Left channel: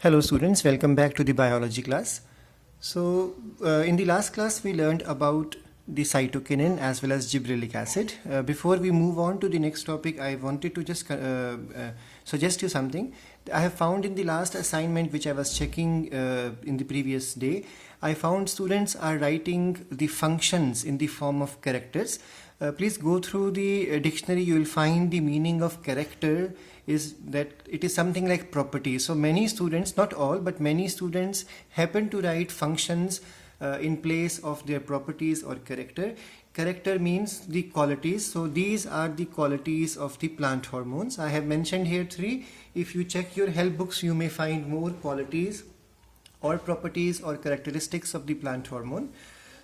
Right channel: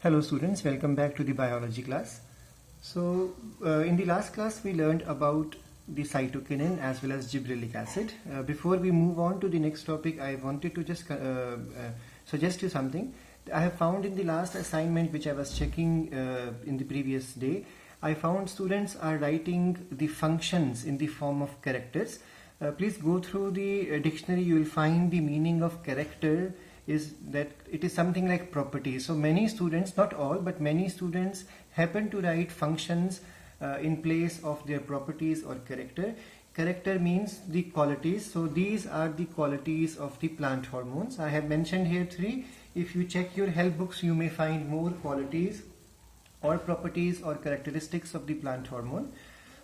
Hello students, welcome back to the biology class. In the last class we learned about the cytokinin as well as gibberellic acid. Before we move on to the next topic, I wanted to just suggest you something. I have found in the last assignment which I was checking in the previous day, I found students are writing the functions in the form of characters. Please go through the dictionary, you will find the meaning of character is that it is something like property. So many students, not all, but many students happen to write functions in place of their properties or character. Character means the qualities. So these are the qualities of the plant hormones. I have mentioned here three. If you check your help books, you may find more qualities or properties or characteristics of the plant hormone.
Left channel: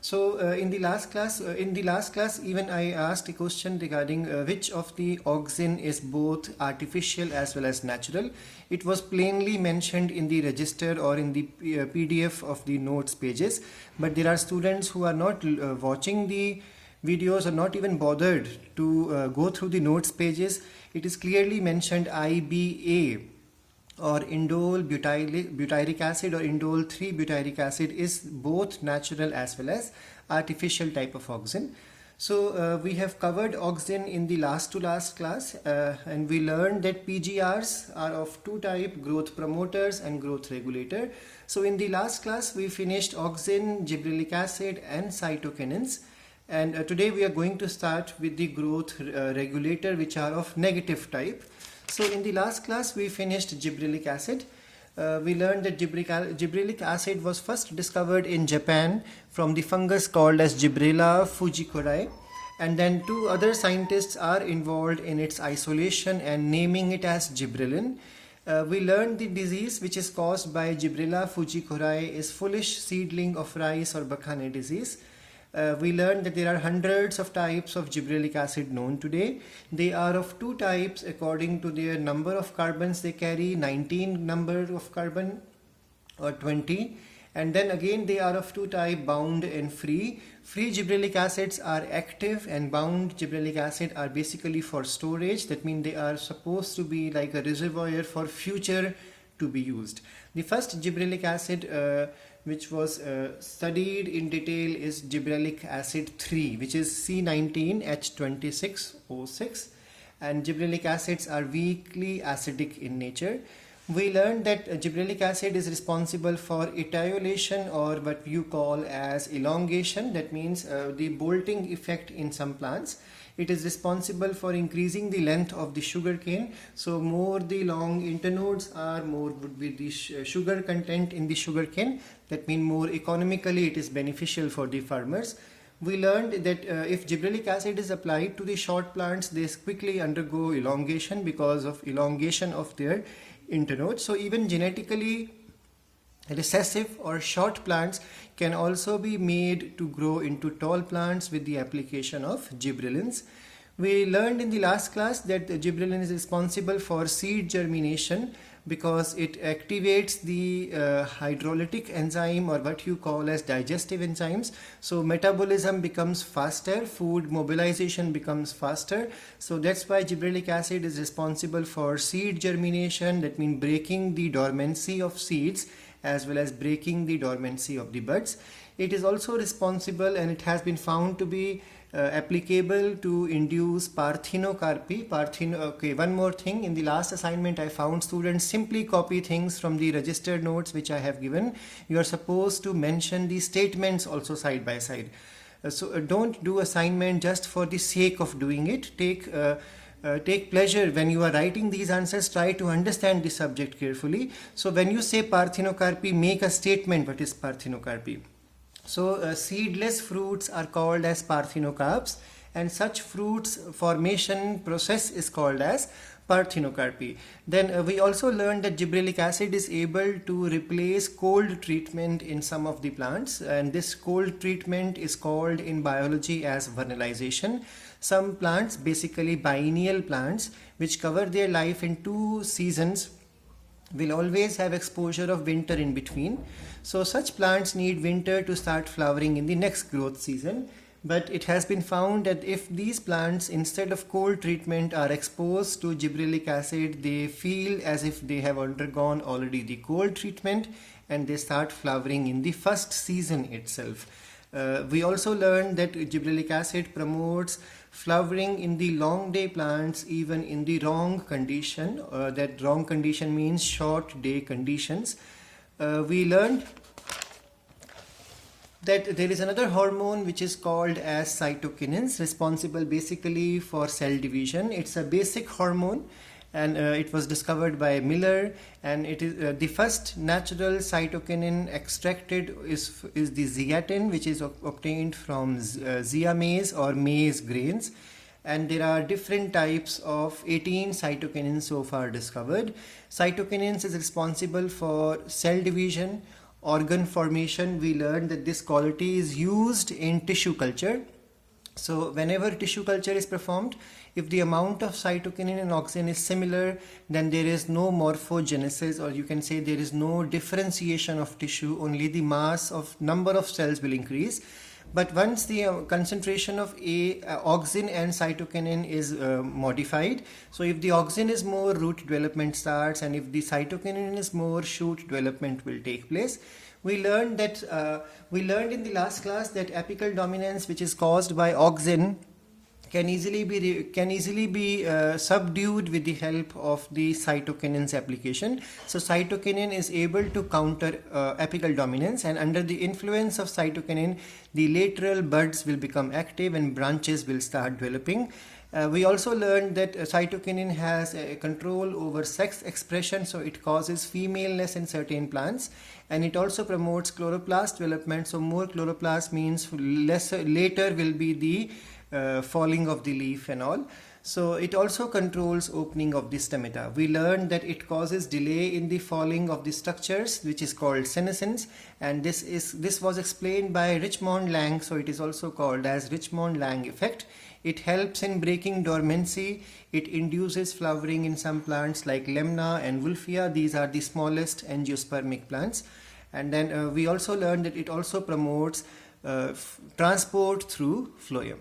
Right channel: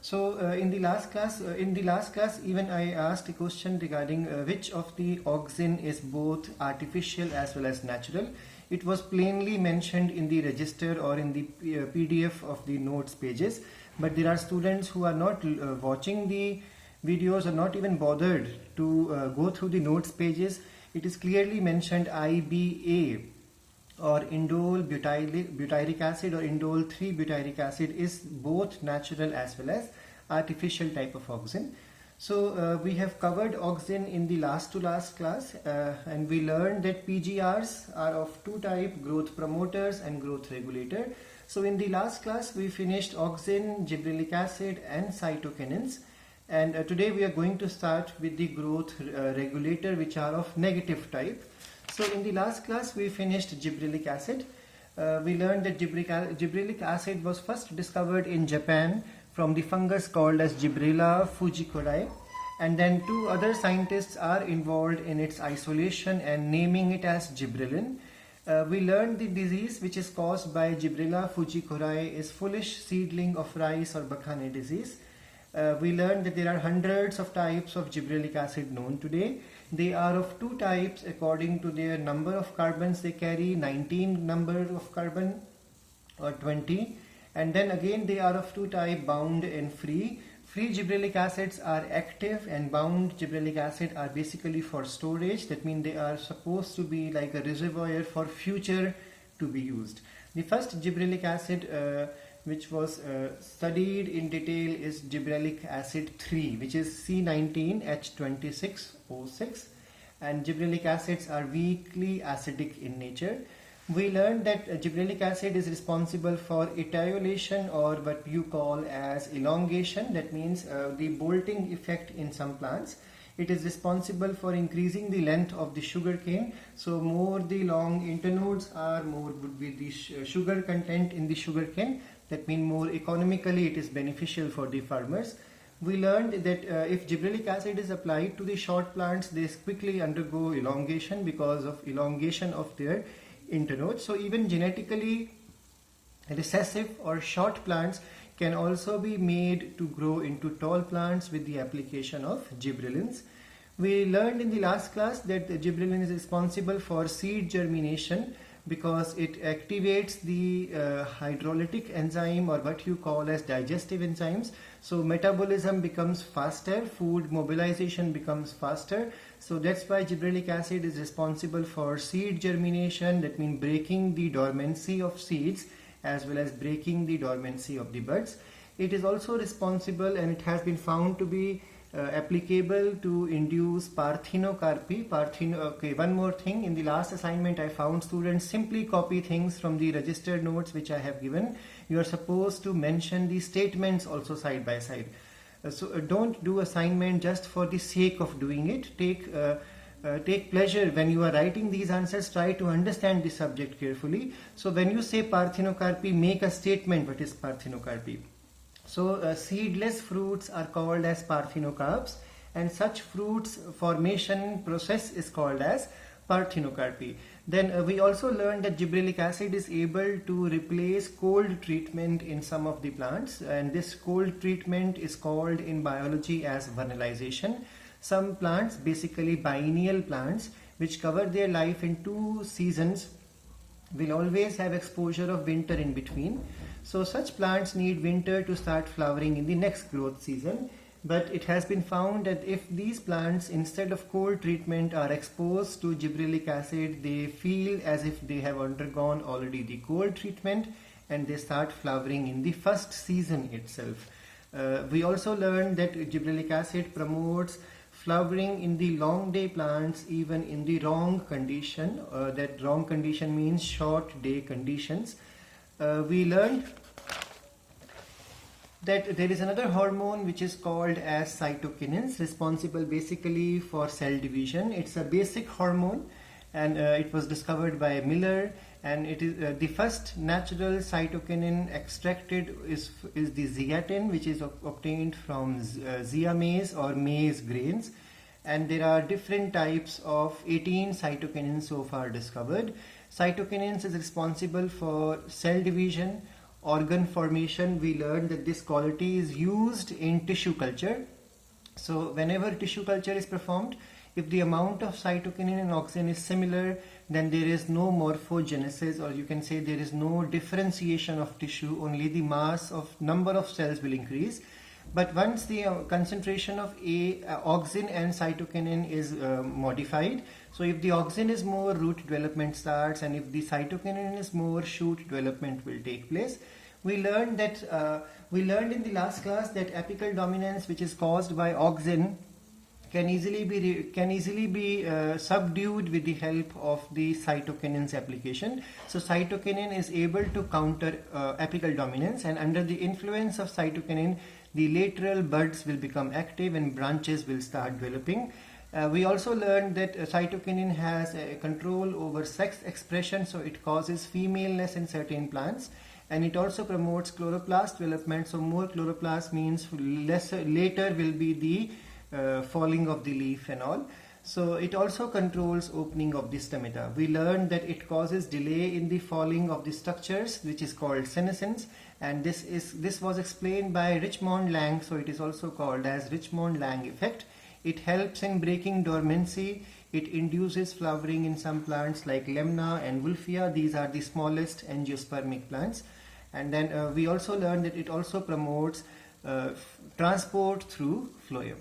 So in the last class, even I asked a question regarding which of the auxin is both artificial as well as natural. It was plainly mentioned in the register or in the PDF of the notes pages, but there are students who are not watching the videos or not even bothered to go through the notes pages. It is clearly mentioned IBA or indole butyric acid or indole 3 butyric acid is both natural as well as artificial type of auxin. So we have covered auxin in the last class and we learned that PGRs are of two types, growth promoters and growth regulator. So in the last class we finished auxin, gibberellic acid and cytokinins, and today we are going to start with the growth regulator, which are of negative type. So in the last class we finished gibberellic acid. We learned that gibberellic acid was first discovered in Japan from the fungus called as Gibberella fujikuri, and then two other scientists are involved in its isolation and naming it as gibberellin. We learned the disease which is caused by Gibberella fujikuri is foolish seedling of rice or bakane disease. We learned that there are hundreds of types of gibberellic acid known today. They are of two types according to their number of carbons they carry, 19 number of carbon or 20. And then again they are of two types, bound and free. Free gibberellic acids are active and bound gibberellic acid are basically for storage. That means they are supposed to be like a reservoir for future to be used. The first gibberellic acid which was studied in detail is gibberellic acid 3, which is C19H26O6, and gibberellic acids are weakly acidic in nature. We learned that gibberellic acid is responsible for etiolation or what you call as elongation. That means the bolting effect in some plants. It is responsible for increasing the length of the sugar cane. So more the long internodes are, more would be the sugar content in the sugar cane. That means more economically it is beneficial for the farmers. We learned that if gibberellic acid is applied to the short plants, they quickly undergo elongation because of elongation of their internodes. So even genetically recessive or short plants can also be made to grow into tall plants with the application of gibberellins. We learned in the last class that the gibberellin is responsible for seed germination because it activates the hydrolytic enzyme or what you call as digestive enzymes. So metabolism becomes faster, food mobilization becomes faster. So that's why gibberellic acid is responsible for seed germination. That means breaking the dormancy of seeds as well as breaking the dormancy of the buds. It is also responsible, and it has been found to be applicable to induce parthenocarpy. Okay, one more thing. In the last assignment, I found students simply copy things from the registered notes which I have given. You are supposed to mention the statements also side by side. So don't do assignment just for the sake of doing it. Take pleasure when you are writing these answers. Try to understand the subject carefully. So when you say parthenocarpy, make a statement what is parthenocarpy. So seedless fruits are called as parthenocarps, and such fruits formation process is called as parthenocarpy. Then we also learned that gibberellic acid is able to replace cold treatment in some of the plants, and this cold treatment is called in biology as vernalization. Some plants, basically biennial plants, which cover their life in 2 seasons, will always have exposure of winter in between. So such plants need winter to start flowering in the next growth season. But it has been found that if these plants, instead of cold treatment, are exposed to gibberellic acid, they feel as if they have undergone already the cold treatment, and they start flowering in the first season itself. We also learned that gibberellic acid promotes flowering in the long day plants even in the wrong condition. That wrong condition means short day conditions. We learned that there is another hormone which is called as cytokinins, responsible basically for cell division. It's a basic hormone, and it was discovered by Miller, and it is the first natural cytokinin extracted is the zeatin, which is obtained from zea maize or maize grains. And there are different types of 18 cytokinins so far discovered. Cytokinins is responsible for cell division, organ formation. We learned that this quality is used in tissue culture. So whenever tissue culture is performed, if the amount of cytokinin and auxin is similar, then there is no morphogenesis, or you can say there is no differentiation of tissue, only the mass of number of cells will increase. But once the concentration of auxin and cytokinin is modified, so if the auxin is more, root development starts, and if the cytokinin is more, shoot development will take place. We learned in the last class that apical dominance, which is caused by auxin, can easily be subdued with the help of the cytokinins application. So cytokinin is able to counter apical dominance, and under the influence of cytokinin, the lateral buds will become active and branches will start developing. We also learned that cytokinin has a control over sex expression, so it causes femaleness in certain plants, and it also promotes chloroplast development. So more chloroplast means later will be the falling of the leaf and all. So it also controls opening of the stomata. We learned that it causes delay in the falling of the structures, which is called senescence, and this was explained by Richmond Lang, so it is also called as Richmond Lang effect. It helps in breaking dormancy. It induces flowering in some plants like Lemna and Wolffia. These are the smallest angiospermic plants. And then we also learned that it also promotes transport through phloem.